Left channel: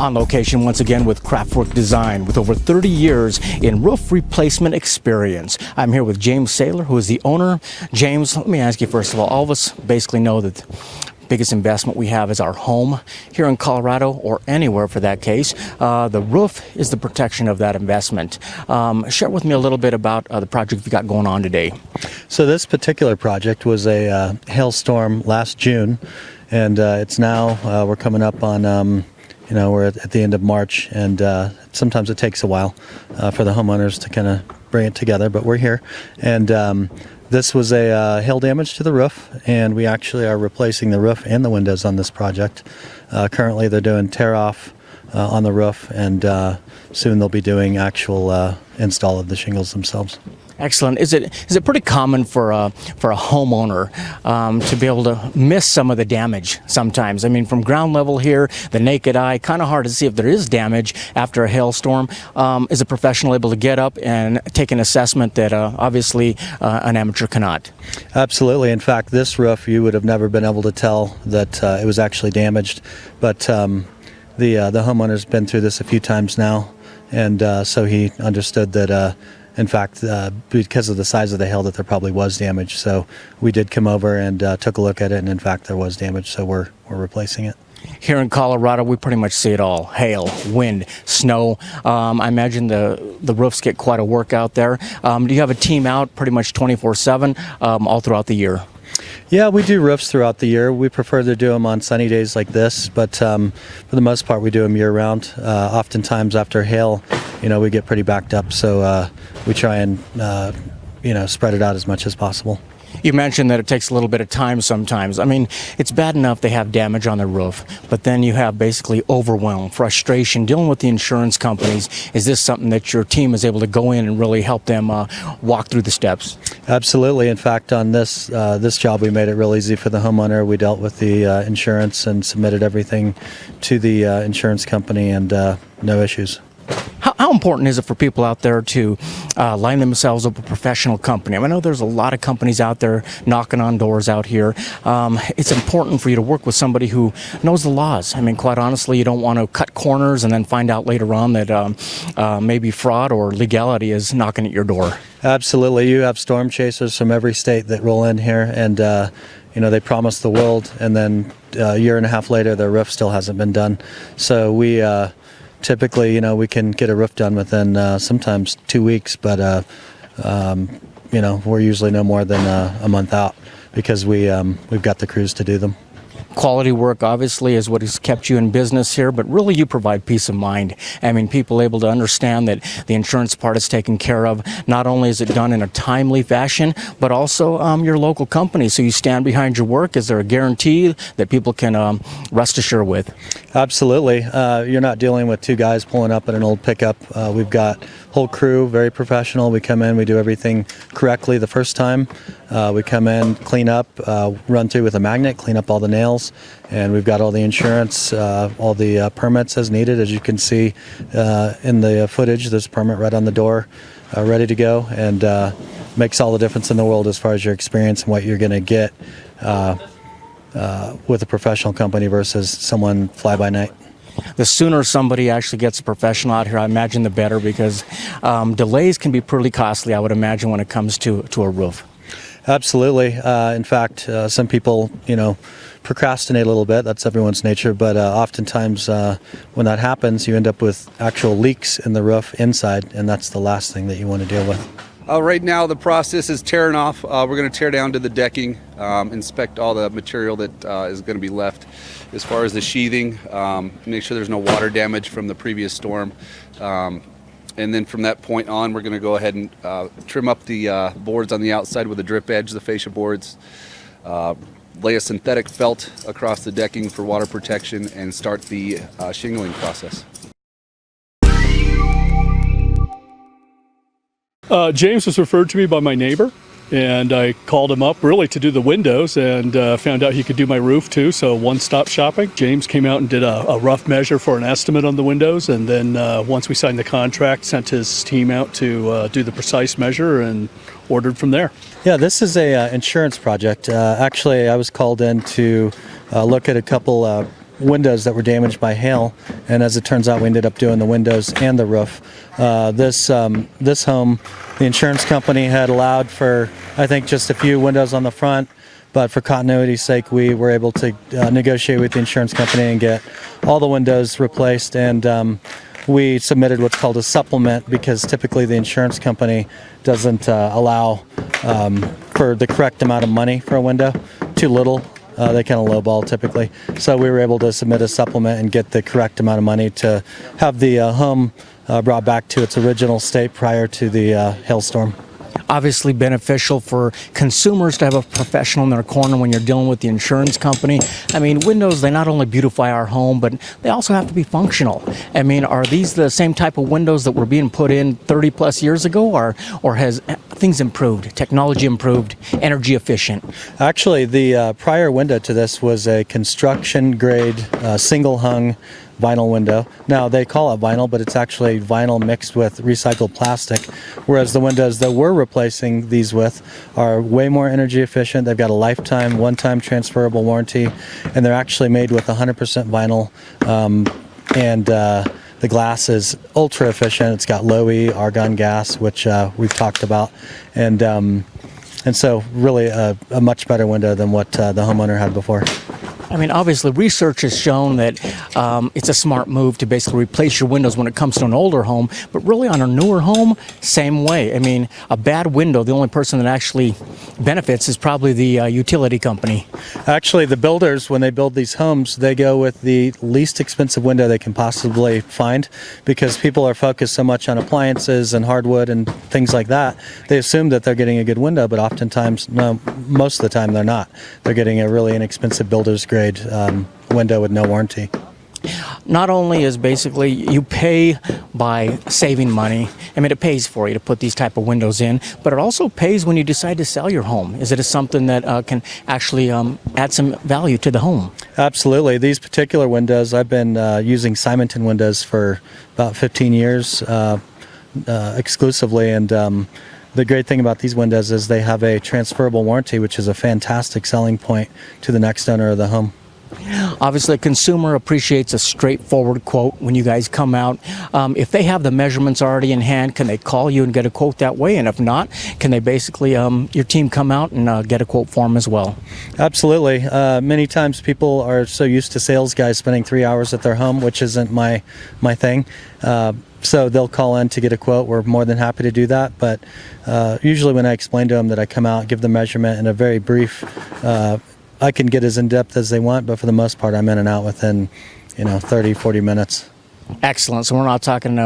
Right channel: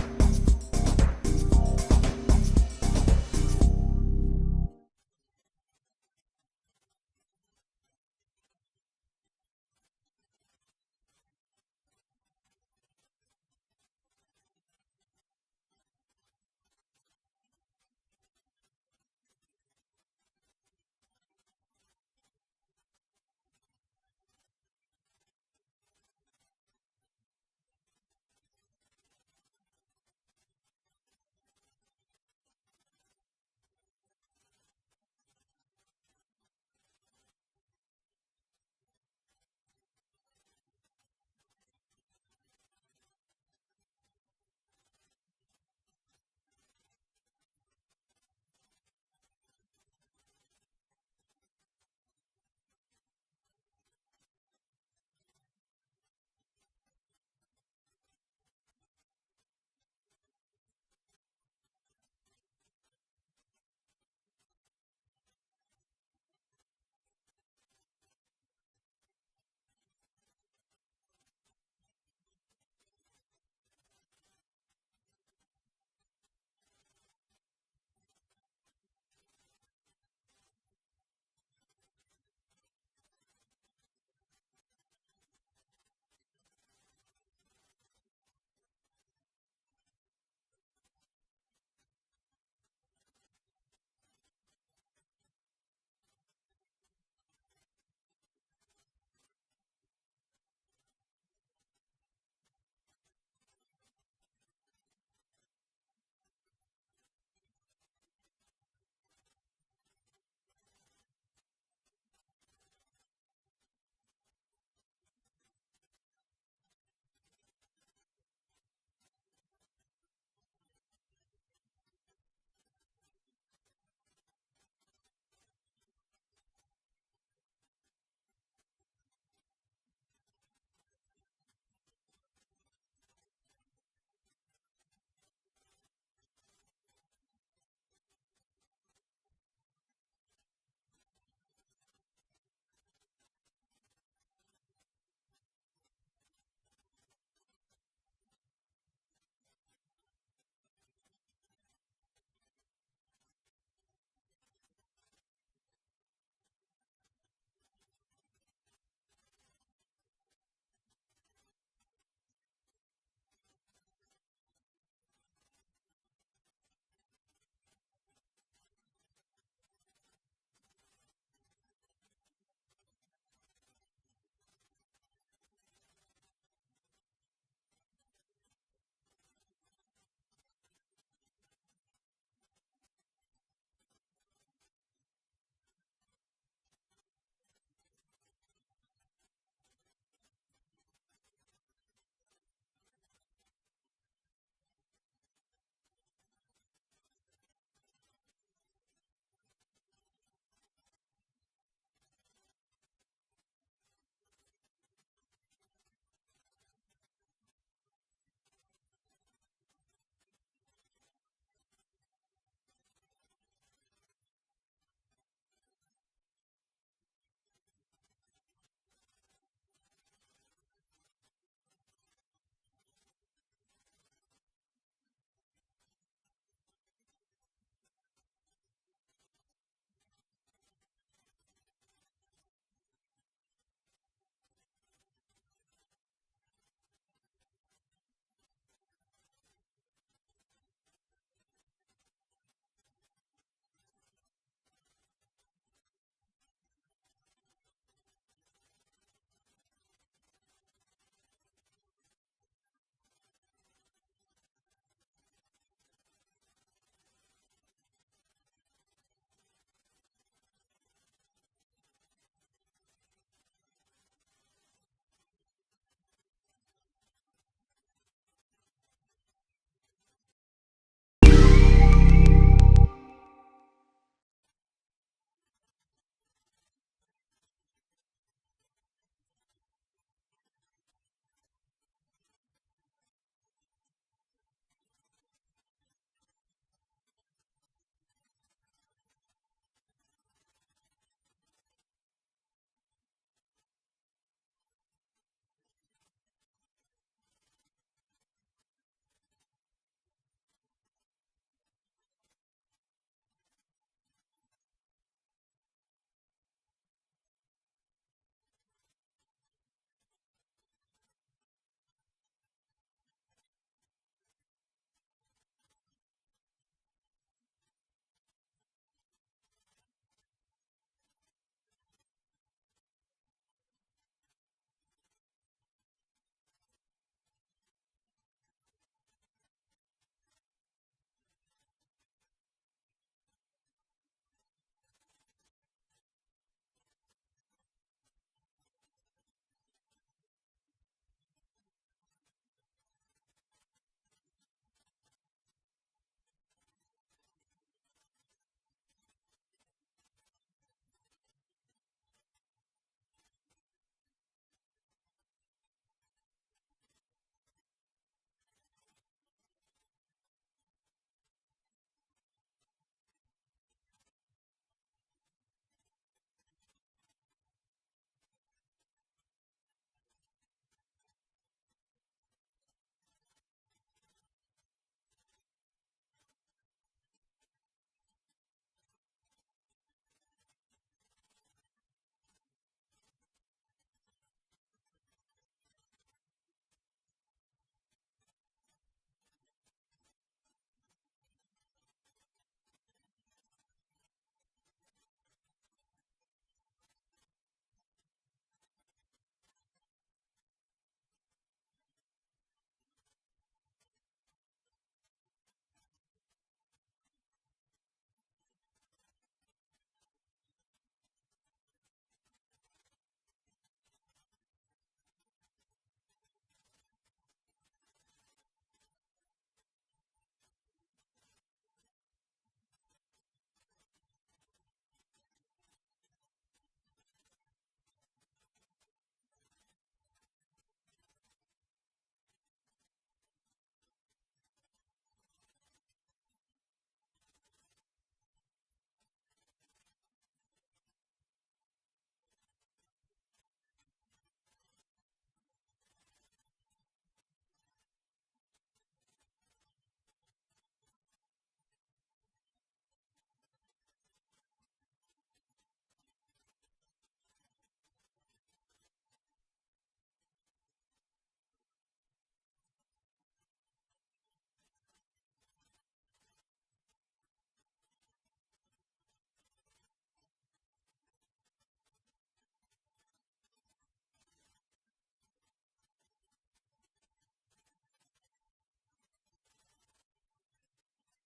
On location once again with Craftwork Design, with over 30 years in roof replacement experience. I'm here with James Saylor, who is the owner. James, let me ask you first of all of us basically know that the biggest investment we have is our home here in Colorado, or anywhere for that case. The roof is the protection of that investment. Share with me a little bit about the project you got going on today. So this particular project was a hailstorm last June, and it's now, we're coming up on we're at the end of March, and sometimes it takes a while for the homeowners to kind of bring it together, but we're here. And this was a hail damage to the roof, and we actually are replacing the roof and the windows on this project. Currently they're doing tear off on the roof, and soon they'll be doing actual install of the shingles themselves. Excellent. Is it pretty common for a homeowner to be able to miss some of the damage sometimes? I mean, from ground level here, the naked eye, kind of hard to see if there is damage after a hailstorm. Is a professional able to get up and take an assessment that obviously an amateur cannot? Absolutely. In fact, this roof, you would have never been able to tell that it was actually damaged. But the homeowner's been through this a few times now, and so he understood that in fact, because of the size of the hail, that there probably was damage. So we did come over and took a look at it, and in fact there was damage, so we're replacing it. Here in Colorado, we pretty much see it all: hail, wind, snow. I imagine the roofs get quite a workout there. Do you have a team out pretty much 24/7 all throughout the year? Yeah, we do roofs throughout the year. We prefer to do them on sunny days like this, but for the most part we do them year-round. Oftentimes after hail, we get pretty backed up, so we try and spread it out as much as possible. You mentioned that it takes a little bit of time sometimes. I mean, it's bad enough they have damage on the roof, but then you have basically overwhelm, frustration, dealing with the insurance companies. Is this something that your team is able to go in and really help them walk through the steps? Absolutely. In fact, on this job, we made it real easy for the homeowner. We dealt with the insurance and submitted everything to the insurance company, and no issues. How important is it for people out there to line themselves up with a professional company? I know there's a lot of companies out there knocking on doors out here. It's important for you to work with somebody who knows the laws. I mean, quite honestly, you don't want to cut corners and then find out later on that maybe fraud or legality is knocking at your door. Absolutely. You have storm chasers from every state that roll in here, and they promise the world, and then a year and a half later, their roof still hasn't been done. So we typically, we can get a roof done within sometimes 2 weeks, but we're usually no more than a month out because we've got the crews to do them. Quality work obviously is what has kept you in business here, but really you provide peace of mind. I mean, people able to understand that the insurance part is taken care of. Not only is it done in a timely fashion, but also your local company. So you stand behind your work. Is there a guarantee that people can rest assured with? Absolutely. You're not dealing with two guys pulling up in an old pickup. We've got whole crew, very professional. We come in, we do everything correctly the first time. We come in, clean up, run through with a magnet, clean up all the nails, and we've got all the insurance, all the permits as needed. As you can see in the footage, there's a permit right on the door, ready to go, and makes all the difference in the world as far as your experience and what you're going to get with a professional company versus someone fly-by-night. The sooner somebody actually gets a professional out here, I imagine the better, because delays can be pretty costly, I would imagine, when it comes to a roof. Absolutely. In fact, some people, procrastinate a little bit. That's everyone's nature. But oftentimes when that happens, you end up with actual leaks in the roof inside, and that's the last thing that you want to deal with. Right now the process is tearing off. We're going to tear down to the decking, inspect all the material that is going to be left as far as the sheathing, make sure there's no water damage from the previous storm. And then from that point on, we're going to go ahead and trim up the boards on the outside with a drip edge, the fascia boards, lay a synthetic felt across the decking for water protection, and start the shingling process. James was referred to me by my neighbor, and I called him up really to do the windows, and found out he could do my roof too, so one-stop shopping. James came out and did a rough measure for an estimate on the windows, and then once we signed the contract, sent his team out to do the precise measure and ordered from there. Yeah, this is a insurance project. Actually, I was called in to look at a couple windows that were damaged by hail, and as it turns out, we ended up doing the windows and the roof. This home, the insurance company had allowed for, I think, just a few windows on the front, but for continuity's sake, we were able to negotiate with the insurance company and get all the windows replaced, and we submitted what's called a supplement because typically the insurance company doesn't allow for the correct amount of money for a window. Too little. They kind of lowball typically. So we were able to submit a supplement and get the correct amount of money to have the home brought back to its original state prior to the hailstorm. Obviously beneficial for consumers to have a professional in their corner when you're dealing with the insurance company. I mean, windows, they not only beautify our home, but they also have to be functional. I mean, are these the same type of windows that were being put in 30 plus years ago, or has things improved, technology improved, energy efficient? Actually, the prior window to this was a construction grade single hung vinyl window. Now they call it vinyl, but it's actually vinyl mixed with recycled plastic, whereas the windows that we're replacing these with are way more energy efficient. They've got a lifetime, one-time transferable warranty, and they're actually made with 100% vinyl, and the glass is ultra efficient. It's got low E argon gas, which we've talked about, and so really a much better window than what the homeowner had before. I mean, obviously, research has shown that it's a smart move to basically replace your windows when it comes to an older home, but really on a newer home, same way. I mean, a bad window, the only person that actually benefits is probably the utility company. Actually, the builders, when they build these homes, they go with the least expensive window they can possibly find because people are focused so much on appliances and hardwood and things like that. They assume that they're getting a good window, but oftentimes, no, most of the time they're not. They're getting a really inexpensive builder's grade window with no warranty. Not only is basically you pay by saving money, I mean, it pays for you to put these type of windows in, but it also pays when you decide to sell your home. Is it something that can actually add some value to the home? Absolutely. These particular windows, I've been using Simonton windows for about 15 years exclusively, and the great thing about these windows is they have a transferable warranty, which is a fantastic selling point to the next owner of the home. Obviously, a consumer appreciates a straightforward quote when you guys come out. If they have the measurements already in hand, can they call you and get a quote that way? And if not, can they basically, your team come out and get a quote for them as well? Absolutely. Many times people are so used to sales guys spending 3 hours at their home, which isn't my thing. So they'll call in to get a quote. We're more than happy to do that. But usually when I explain to them that I come out, give the measurement in a very brief, I can get as in-depth as they want, but for the most part, I'm in and out within, 30, 40 minutes. Excellent. So we're not talking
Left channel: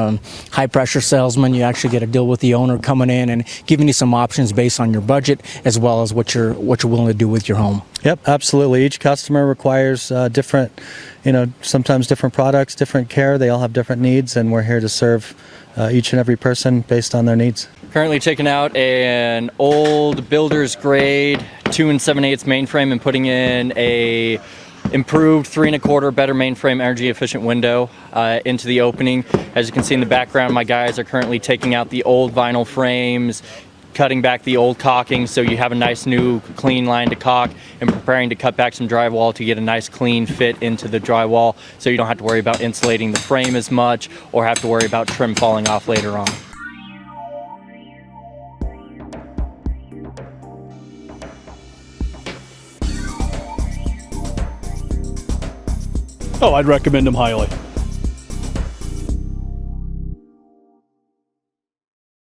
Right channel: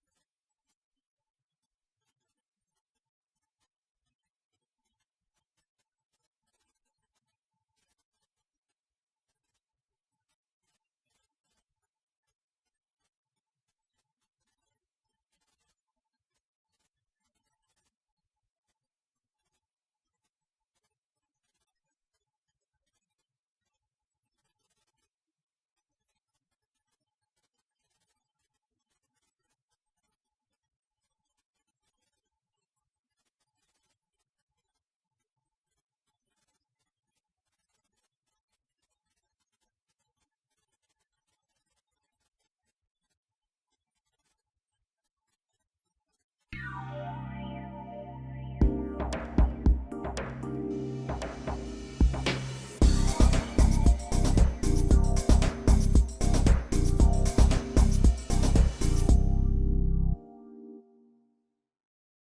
high-pressure salesman. You actually get a deal with the owner coming in and giving you some options based on your budget as well as what you're willing to do with your home. Yep, absolutely. Each customer requires different, sometimes different products, different care. They all have different needs, and we're here to serve each and every person based on their needs. Currently taking out an old builder's grade 2 7/8 mainframe and putting in a improved 3 1/4 better mainframe energy efficient window into the opening. As you can see in the background, my guys are currently taking out the old vinyl frames, cutting back the old caulking so you have a nice new clean line to caulk, and preparing to cut back some drywall to get a nice clean fit into the drywall so you don't have to worry about insulating the frame as much or have to worry about trim falling off later on. Oh, I'd recommend them highly.